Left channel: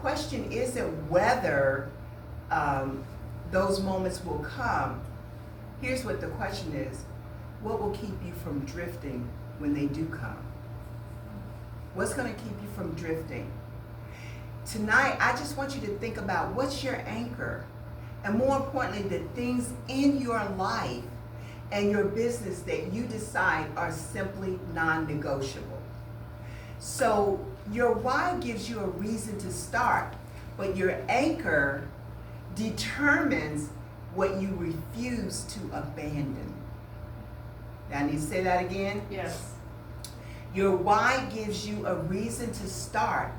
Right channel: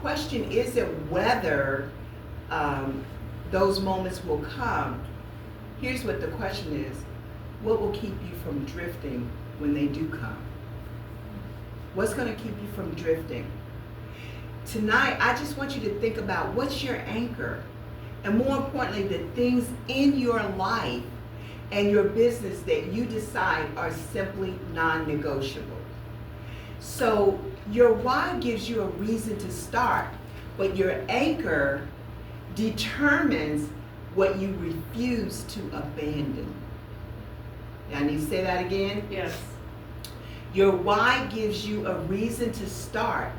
question isn't whether those moments will come. Here's what the question is: what will keep you from drifting when they do come? What's going to keep you from drifting? Tonight, I just want you to think about what's your anchor, and more importantly, the things in your life and your business that you decide are simply non-negotiable. So your why gives you a reason to start, but your anchor determines what you refuse to abandon. Now, I need to say that again? Yes. Your why gives you a reason to start,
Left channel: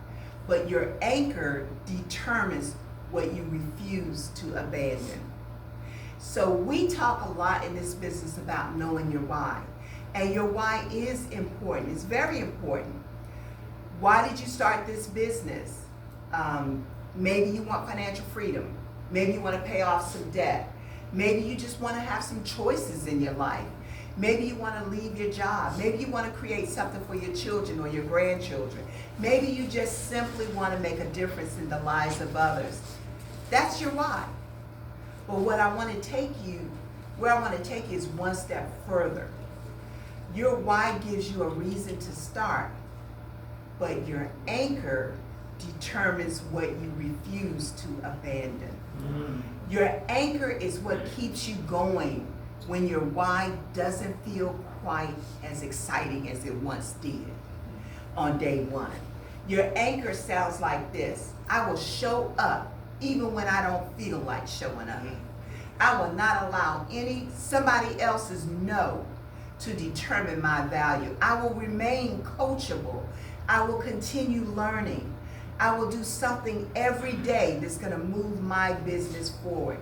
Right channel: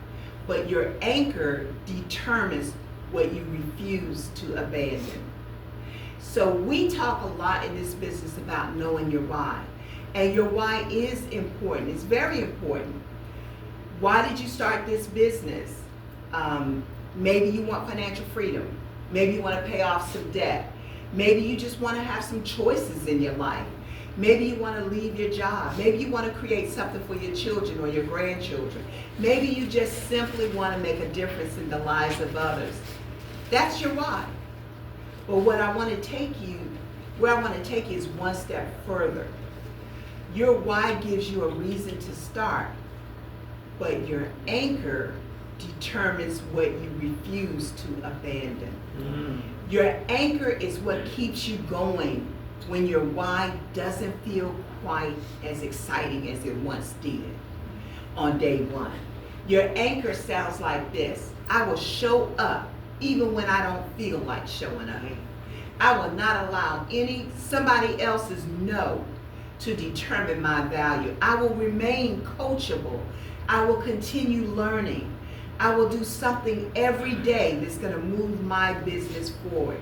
but your anchor determines what you refuse to abandon. So we talk a lot in this business about knowing your why. And your why is important. It's very important. Why did you start this business? Maybe you want financial freedom. Maybe you want to pay off some debt. Maybe you just want to have some choices in your life. Maybe you want to leave your job. Maybe you want to create something for your children or your grandchildren. Maybe you just simply want to make a difference in the lives of others. That's your why. Well, where I want to take you is one step further. Your why gives you a reason to start, but your anchor determines what you refuse to abandon. Your anchor is what keeps you going when your why doesn't feel quite as exciting as it once did on day one. Your anchor sounds like this: I will show up even when I don't feel like showing up. I will not allow somebody else's no to determine my value. I will remain coachable. I will continue learning. I will do something every day that's going to move my business forward.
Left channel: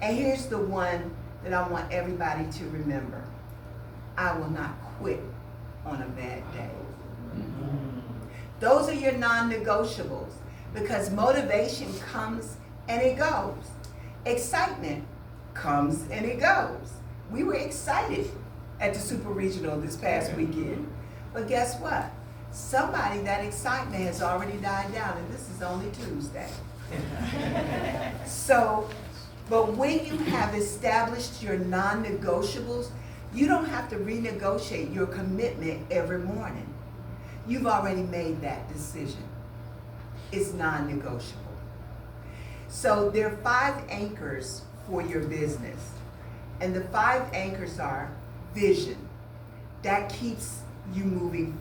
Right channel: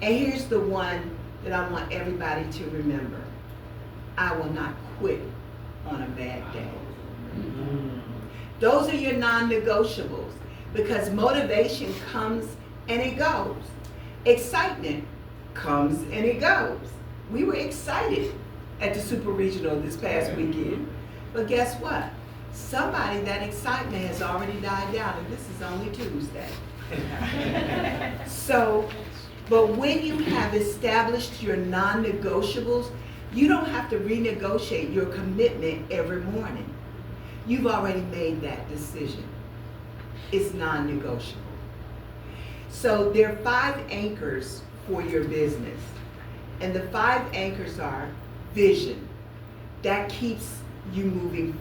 And here's the one that I want everybody to remember: I will not quit on a bad day. Those are your non-negotiables, because motivation comes and it goes. Excitement comes and it goes. We were excited at the Super Regional this past weekend, but guess what? Somebody, that excitement has already died down, and this is only Tuesday. But when you have established your non-negotiables, you don't have to renegotiate your commitment every morning. You've already made that decision. It's non-negotiable. So there are 5 anchors for your business. And the 5 anchors are: vision, that keeps you moving,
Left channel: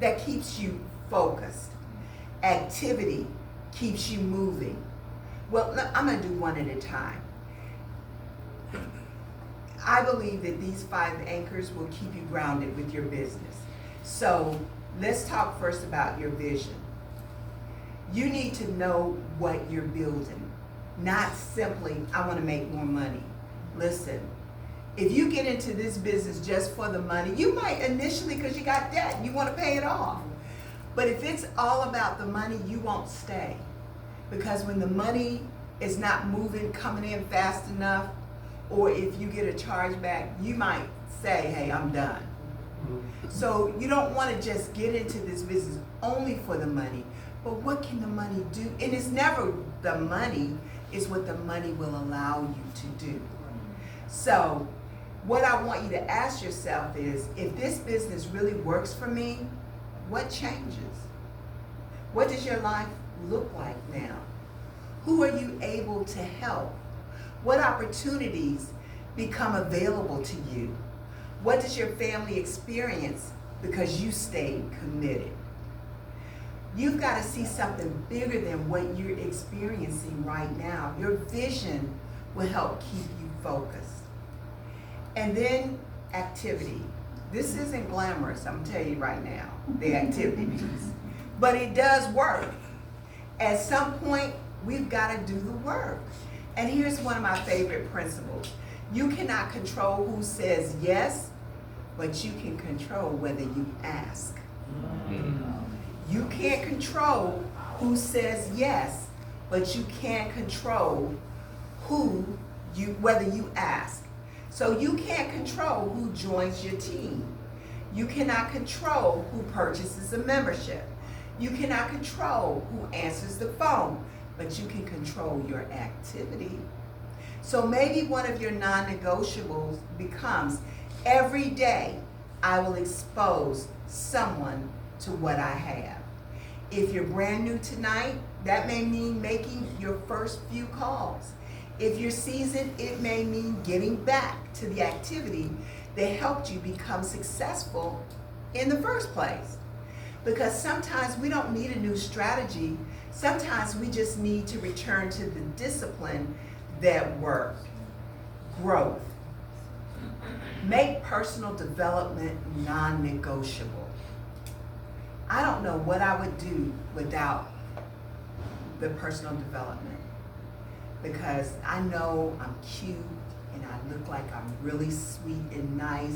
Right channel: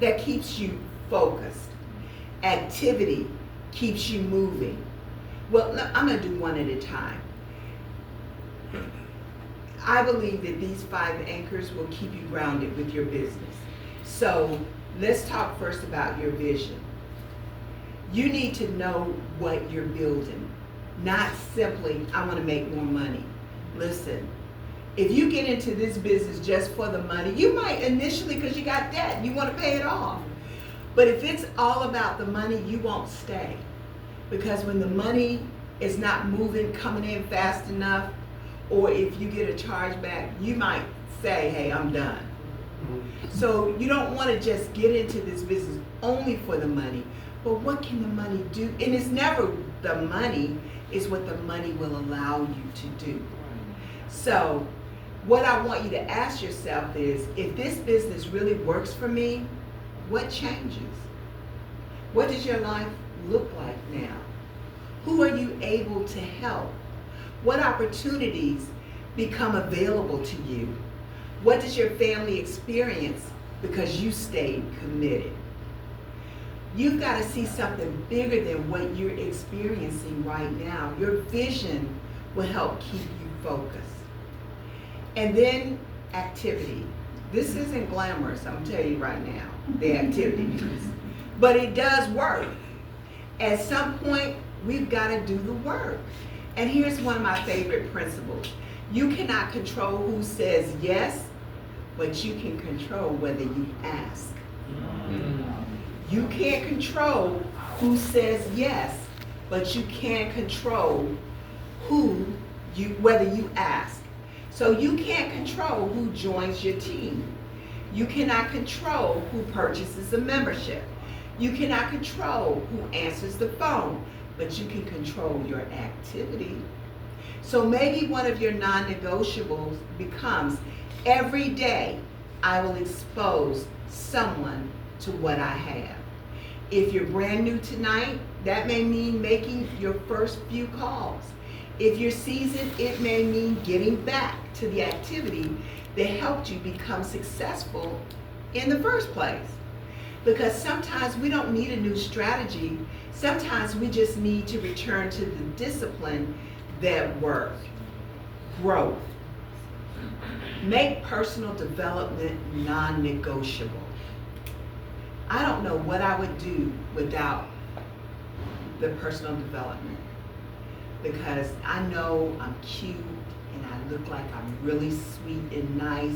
that keeps you focused. Activity keeps you moving. Well, I'm going to do one at a time. I believe that these 5 anchors will keep you grounded with your business. So let's talk first about your vision. You need to know what you're building, not simply, I want to make more money. Listen, if you get into this business just for the money, you might initially, because you got debt, and you want to pay it off. But if it's all about the money, you won't stay. Because when the money is not moving, coming in fast enough, or if you get a charge back, you might say, hey, I'm done. So you don't want to just get into this business only for the money, but what can the money do? And it's never the money, it's what the money will allow you to do. So what I want you to ask yourself is, if this business really works for me, what changes? What does your life look like now? Who are you able to help? What opportunities become available to you? What does your family experience because you stayed committed? You've got to see something bigger than what you're experiencing right now. Your vision will help keep you focused. And then activity. This isn't glamorous, I'm gonna tell you right now, the activity piece. But it does work. At some point, we've got to do the work. And here's one of my favorite principles. You cannot control who says yes, but you can control whether you ask. You can't control who says yes, but you can control whether you ask. So you can't control who joins your team. You cannot control who purchases a membership. You cannot control who answers the phone, but you can control your activity. So maybe one of your non-negotiables becomes, every day I will expose someone to what I have. If you're brand new tonight, that may mean making your first few calls. If you're seasoned, it may mean getting back to the activity that helped you become successful in the first place. Because sometimes we don't need a new strategy. Sometimes we just need to return to the discipline that worked. Growth. Make personal development non-negotiable. I don't know what I would do without the personal development, because I know I'm cute and I look like I'm really sweet and nice,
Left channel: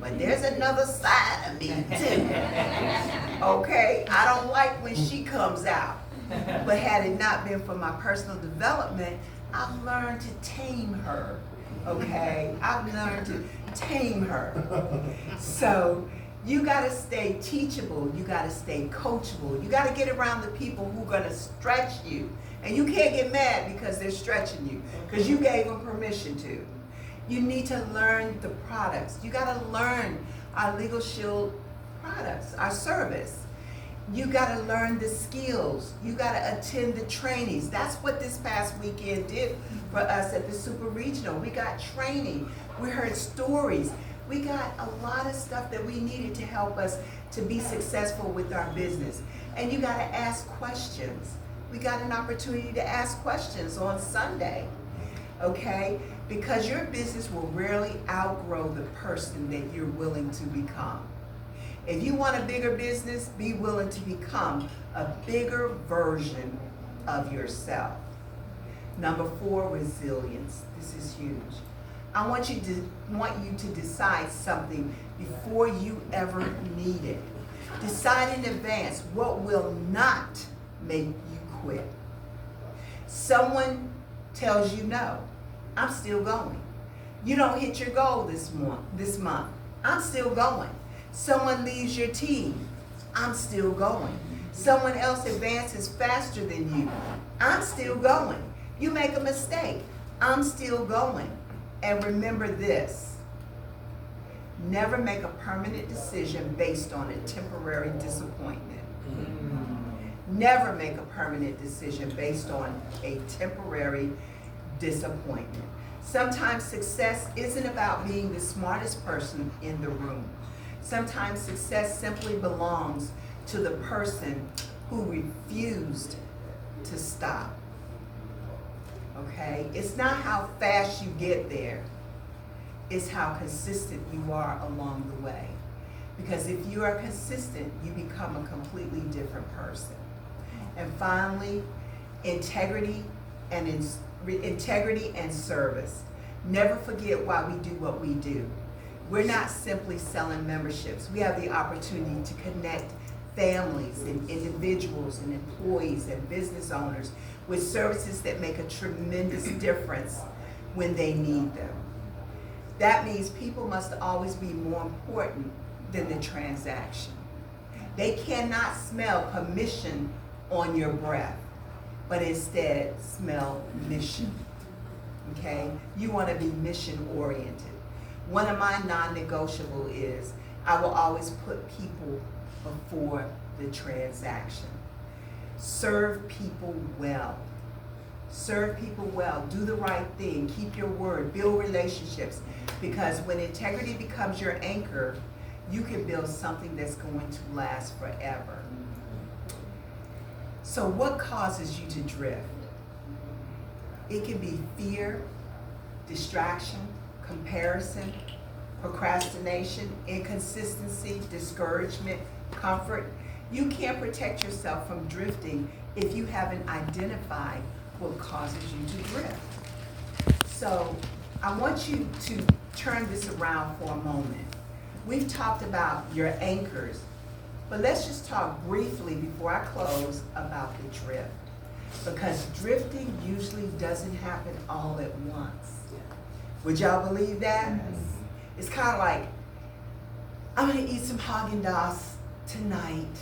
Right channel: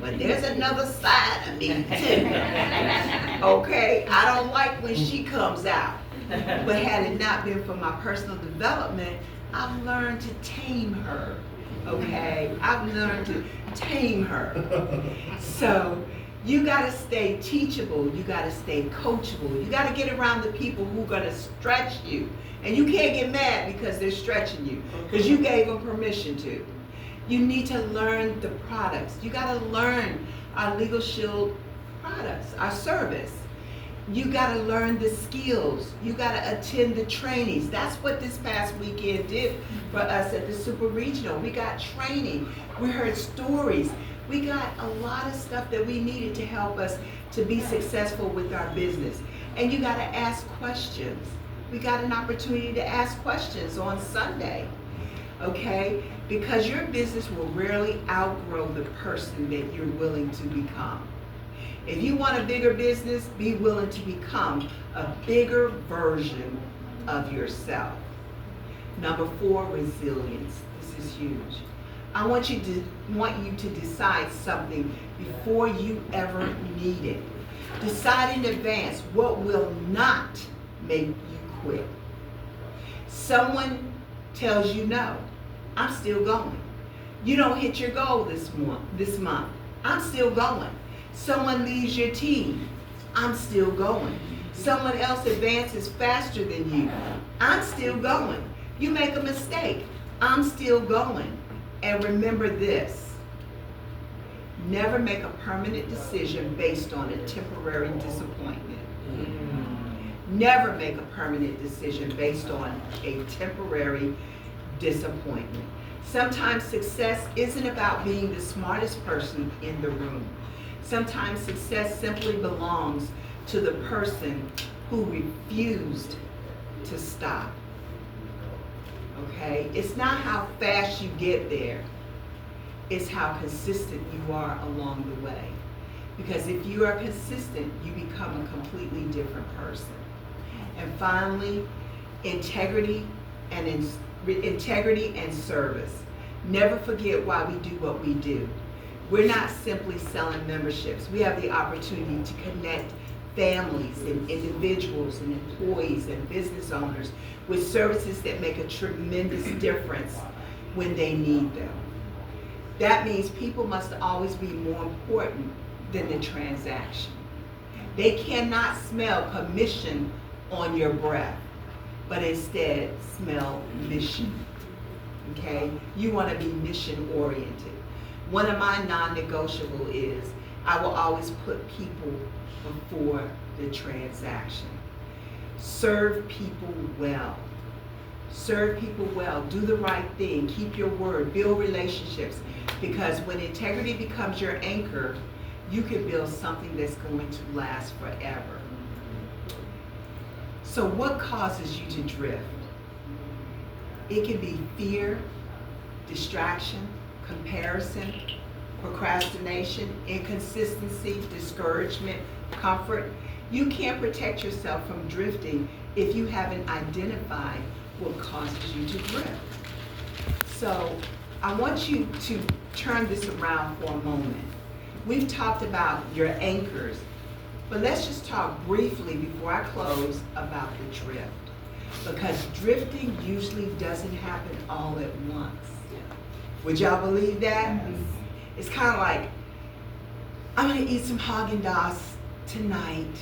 but there's another side of me too. Okay, I don't like when she comes out, but had it not been for my personal development, I've learned to tame her. Okay, I've learned to tame her. So you gotta stay teachable, you gotta stay coachable, you gotta get around the people who are gonna stretch you. And you can't get mad because they're stretching you, because you gave them permission to. You need to learn the products. You gotta learn our Legal Shield products, our service. You gotta learn the skills. You gotta attend the trainings. That's what this past weekend did for us at the Super Regional. We got training, we heard stories. We got a lot of stuff that we needed to help us to be successful with our business. And you gotta ask questions. We got an opportunity to ask questions on Sunday, okay? Because your business will rarely outgrow the person that you're willing to become. If you want a bigger business, be willing to become a bigger version of yourself. Number 4, resilience. This is huge. I want you to decide something before you ever need it. Decide in advance what will not make you quit. Someone tells you no, I'm still going. You don't hit your goal this month, I'm still going. Someone leaves your team, I'm still going. Someone else advances faster than you, I'm still going. You make a mistake, I'm still going. And remember this, never make a permanent decision based on a temporary disappointment. Never make a permanent decision based on a temporary disappointment. Sometimes success isn't about being the smartest person in the room. Sometimes success simply belongs to the person who refused to stop. Okay? It's not how fast you get there, it's how consistent you are along the way. Because if you are consistent, you become a completely different person. And finally, integrity and service. Never forget why we do what we do. We're not simply selling memberships. We have the opportunity to connect families and individuals and employees and business owners with services that make a tremendous difference when they need them. That means people must always be more important than the transaction. They cannot smell commission on your breath, but instead smell mission. Okay? You want to be mission oriented. One of my non-negotiable is I will always put people before the transaction. Serve people well. Serve people well. Do the right thing. Keep your word. Build relationships. Because when integrity becomes your anchor, you can build something that's going to last forever. So what causes you to drift? It can be fear, distraction, comparison, procrastination, inconsistency, discouragement, comfort. You can't protect yourself from drifting if you haven't identified what causes you to drift. So I want you to turn this around for a moment. We've talked about your anchors, but let's just talk briefly before I close about the drift. Because drifting usually doesn't happen all at once. Would y'all believe that? Yes. It's kind of like, I'm gonna eat some Haagen-Dazs tonight.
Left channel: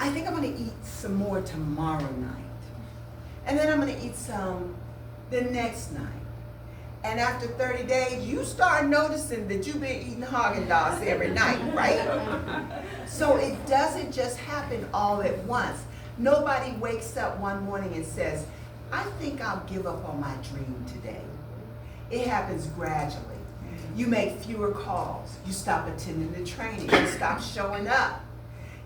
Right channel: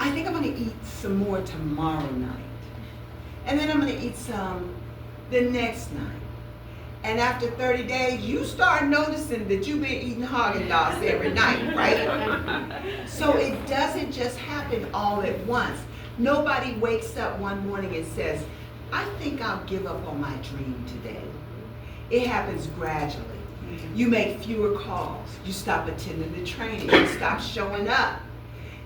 I think I'm gonna eat some more tomorrow night. And then I'm gonna eat some the next night. And after 30 days, you start noticing that you've been eating Haagen-Dazs every night, right? So it doesn't just happen all at once. Nobody wakes up one morning and says, I think I'll give up on my dream today. It happens gradually. You make fewer calls. You stop attending the training. You stop showing up.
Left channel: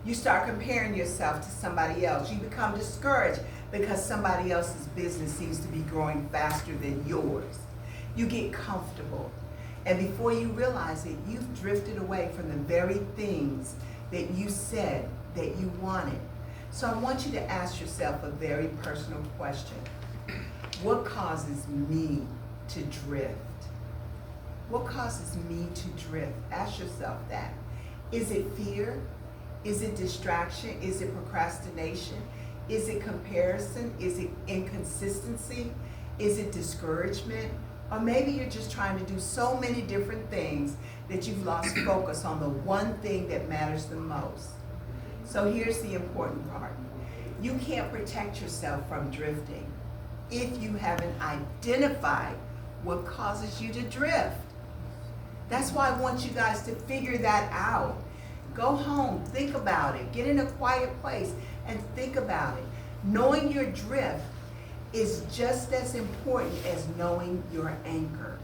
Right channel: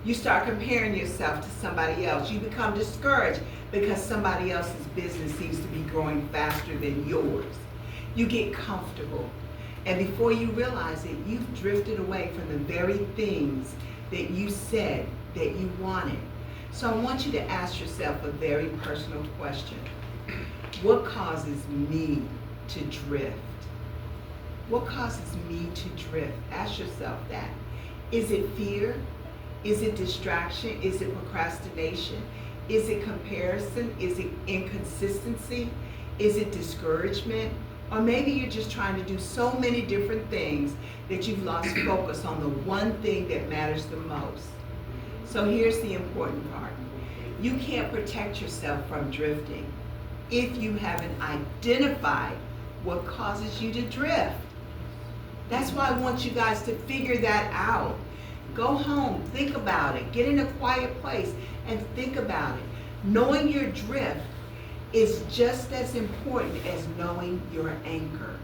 You start comparing yourself to somebody else. You become discouraged because somebody else's business seems to be growing faster than yours. You get comfortable. And before you realize it, you've drifted away from the very things that you said that you wanted. So I want you to ask yourself a very personal question. What causes me to drift? What causes me to drift? Ask yourself that. Is it fear? Is it distraction? Is it procrastination? Is it comparison? Is it inconsistency? Is it discouragement? Or maybe you're just trying to do so many different things that you've lost focus on the one thing that matters the most. So here's the important part. You can't protect yourself from drifting if you haven't identified what causes you to drift. That's why I want you guys to figure that out. Go home, think about it, get in a quiet place and think about it. Knowing your drift is just as important as knowing your anchor.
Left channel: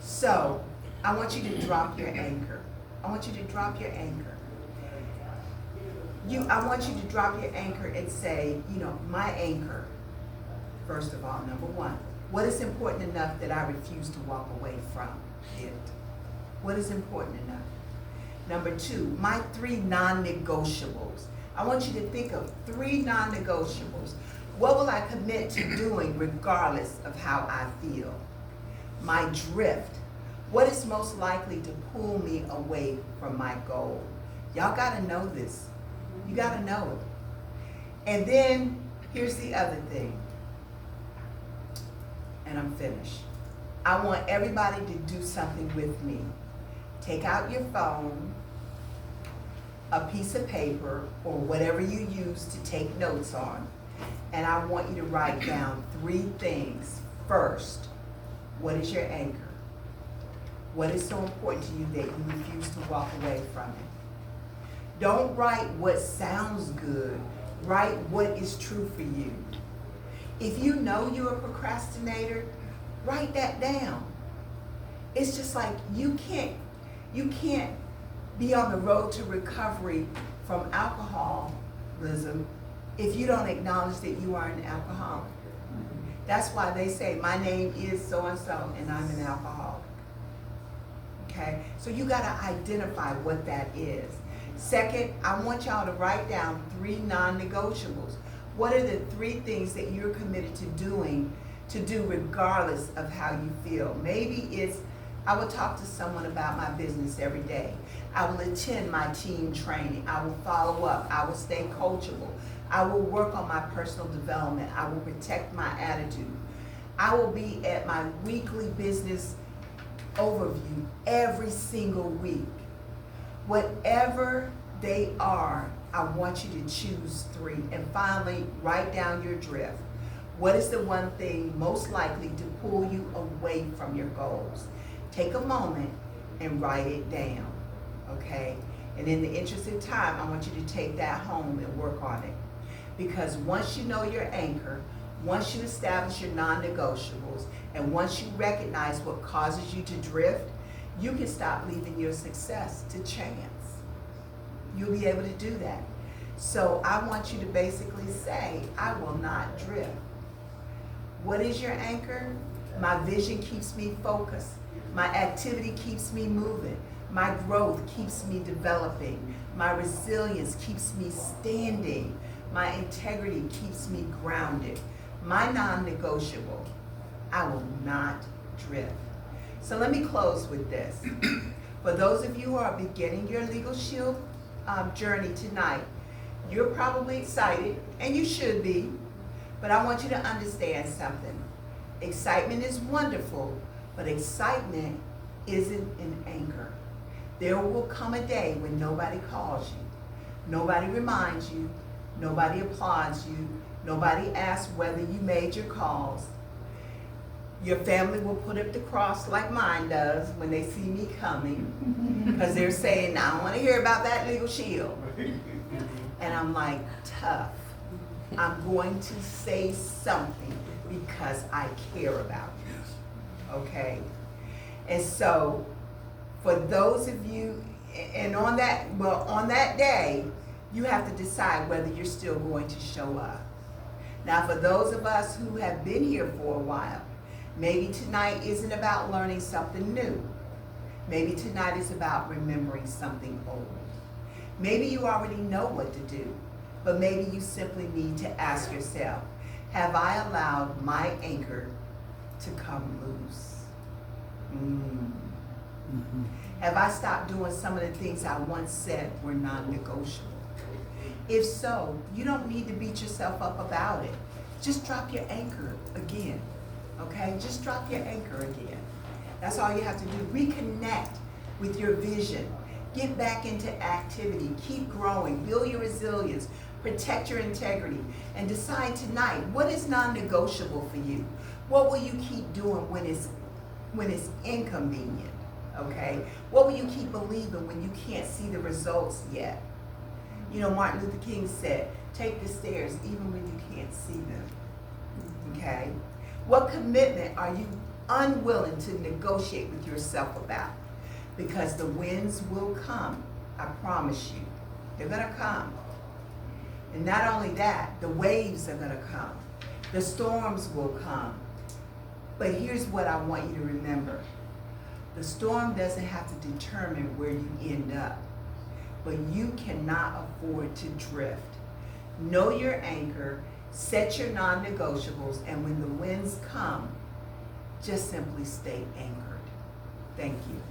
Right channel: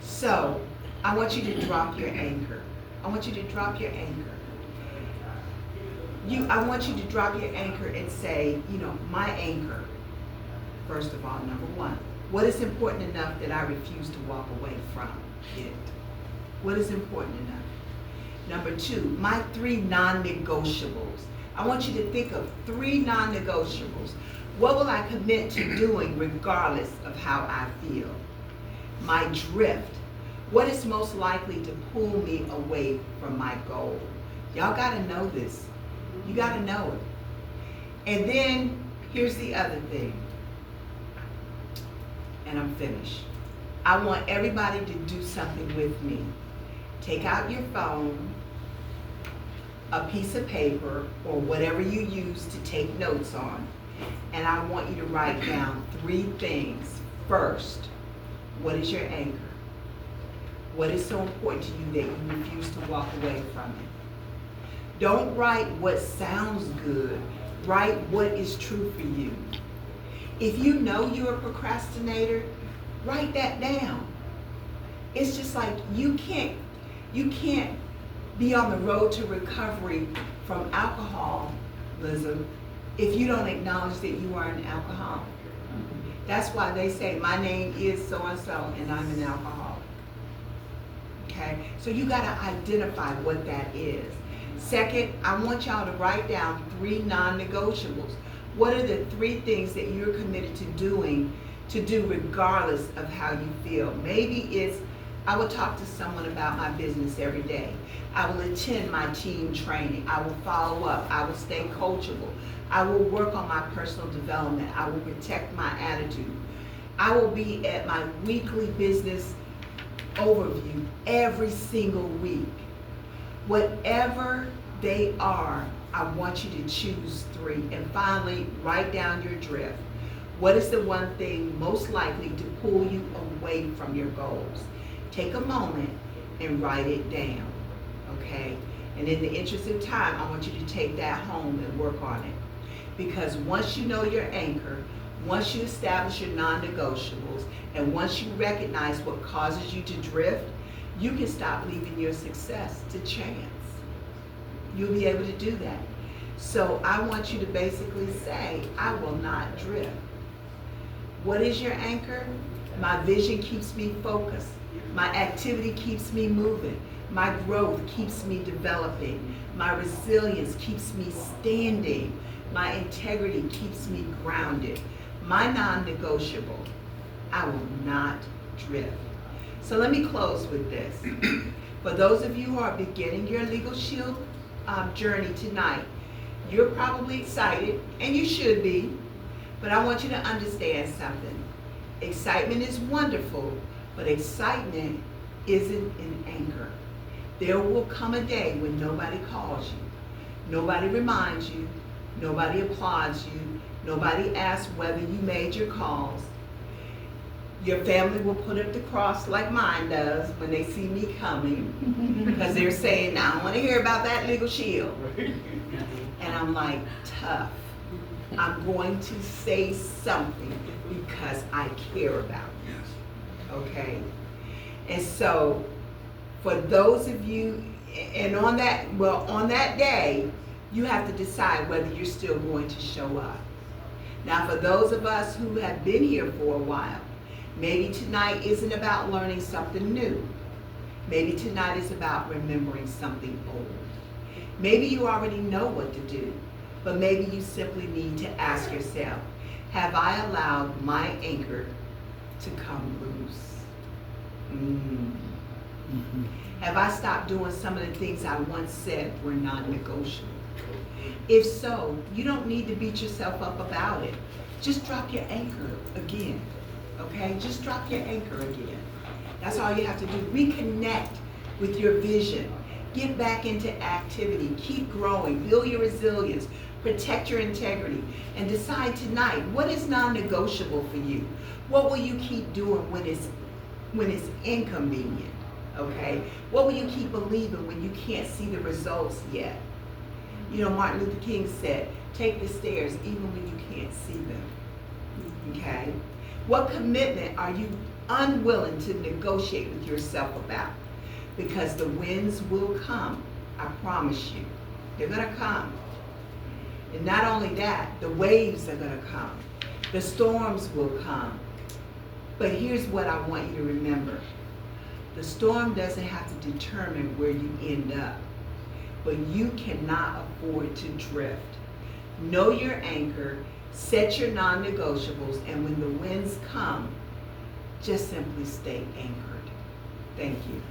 So, I want you to drop your anchor. I want you to drop your anchor. I want you to drop your anchor and say, my anchor, first of all, number one, what is important enough that I refuse to walk away from it? What is important enough? Number two, my 3 non-negotiables. I want you to think of 3 non-negotiables. What will I commit to doing regardless of how I feel? My drift. What is most likely to pull me away from my goal? Y'all gotta know this. You gotta know it. And then, here's the other thing. And I'm finished. I want everybody to do something with me. Take out your phone, a piece of paper, or whatever you use to take notes on, and I want you to write down 3 things. First, what is your anchor? What is so important to you that you refuse to walk away from it? Don't write what sounds good. Write what is true for you. If you know you're a procrastinator, write that down. It's just like you can't be on the road to recovery from alcoholism if you don't acknowledge that you are an alcoholic. That's why they say, my name is so-and-so and I'm an alcoholic. Okay? So you gotta identify what that is. Second, I want y'all to write down 3 non-negotiables. What are the 3 things that you're committed to do regardless of how you feel? Maybe it's, I will talk to someone about my business every day. I will attend my team training. I will follow up. I will stay coachable. I will work on my personal development. I will protect my attitude. I will be at my weekly business overview every single week. Whatever they are, I want you to choose 3. And finally, write down your drift. What is the one thing most likely to pull you away from your goals? Take a moment and write it down, okay? And in the interest of time, I want you to take that home and work on it. Because once you know your anchor, once you establish your non-negotiables, and once you recognize what causes you to drift, you can stop leaving your success to chance. You'll be able to do that. So I want you to basically say, I will not drift. What is your anchor? My vision keeps me focused. My activity keeps me moving. My growth keeps me developing. My resilience keeps me standing. My integrity keeps me grounded. My non-negotiable, I will not drift. So let me close with this. For those of you who are beginning your Legal Shield journey tonight, you're probably excited, and you should be, but I want you to understand something. Excitement is wonderful, but excitement isn't an anchor. There will come a day when nobody calls you. Nobody reminds you, nobody applauds you, nobody asks whether you made your calls. Your family will put up the cross like mine does when they see me coming, because they're saying, I don't want to hear about that legal shield. And I'm like, tough. I'm going to say something because I care about you. Okay? And so, for those of you, and on that day, you have to decide whether you're still going to show up. Now, for those of us who have been here for a while, maybe tonight isn't about learning something new. Maybe tonight is about remembering something old. Maybe you already know what to do, but maybe you simply need to ask yourself, have I allowed my anchor to come loose? Have I stopped doing some of the things I once said were non-negotiable? If so, you don't need to beat yourself up about it. Just drop your anchor again, okay? Just drop your anchor again. That's all you have to do. Reconnect with your vision. Get back into activity. Keep growing. Build your resilience. Protect your integrity. And decide tonight, what is non-negotiable for you? What will you keep doing when it's inconvenient? Okay? What will you keep believing when you can't see the results yet? You know, Martin Luther King said, take the stairs even when you can't see them. Okay? What commitment are you unwilling to negotiate with yourself about? Because the winds will come, I promise you. They're gonna come. And not only that, the waves are gonna come. The storms will come. But here's what I want you to remember. The storm doesn't have to determine where you end up, but you cannot afford to drift. Know your anchor, set your non-negotiables, and when the winds come, just simply stay anchored. Thank you.